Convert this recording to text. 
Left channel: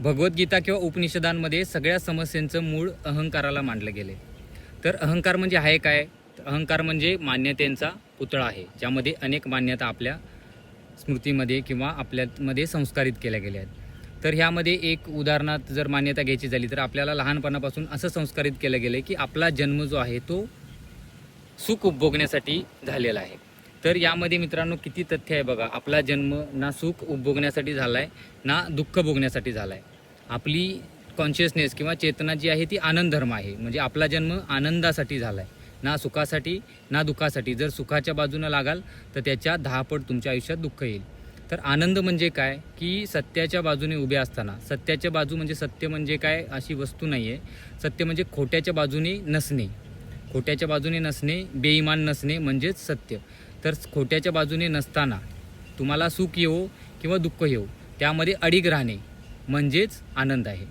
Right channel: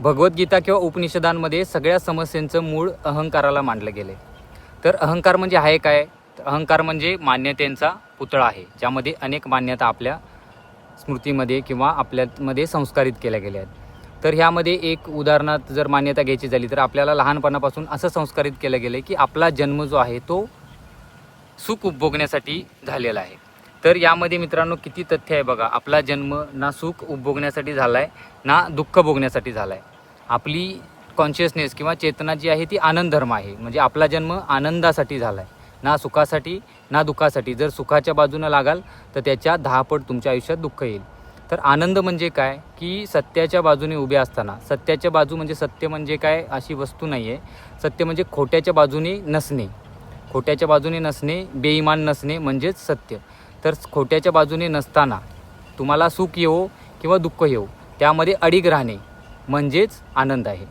भगवद्गीता किंवा उपनिषदांमध्ये सगळ्या समस्यांचं मूळ अहंकाराला मांडलं गेले। तर अहंकार म्हणजे आहे काय? अहंकार म्हणजे मान्यतेचा पुतळा आहे, ज्यामध्ये अनेक मान्यता आपल्या स्मृतीमध्ये किंवा आपल्यामध्ये संस्कारित केल्या गेल्या आहेत। तर ह्यामध्ये एक उदाहरणार्थ जर मान्यता घ्यायची झाली तर आपल्याला लहानपणापासून असं संस्कारित केलं गेलं की आपला जन्म जो आहे तो सुख उपभोगण्यासाठी झालेला आहे। तर यामध्ये मित्रांनो किती तथ्य आहे बघा, आपला जन्म ना सुख उपभोगण्यासाठी झाला आहे ना दुःख भोगण्यासाठी झाला आहे। आपली कॉन्शियसनेस किंवा चेतना जी आहे ती आनंद धर्म आहे, म्हणजे आपला जन्म आनंदासाठी झाला आहे, ना सुखासाठी ना दुःखासाठी। जर सुखाच्या बाजूने लागाल तर त्याच्या 10 पट तुमच्या आयुष्यात दुःख येईल। तर आनंद म्हणजे काय की सत्याच्या बाजूने उभे असताना, सत्याच्या बाजू म्हणजे सत्य म्हणजे काय अशी वस्तू नाही आहे, सत्य म्हणजे खोट्याच्या बाजूने नसणे, खोट्याच्या बाजूने नसणे, बेईमान नसणे म्हणजेच सत्य। तर खोट्याच्या बाजूने नसताना तुम्हाला सुख येवो किंवा दुःख येवो त्यामध्ये अडिग राहणे म्हणजेच आनंद आहे।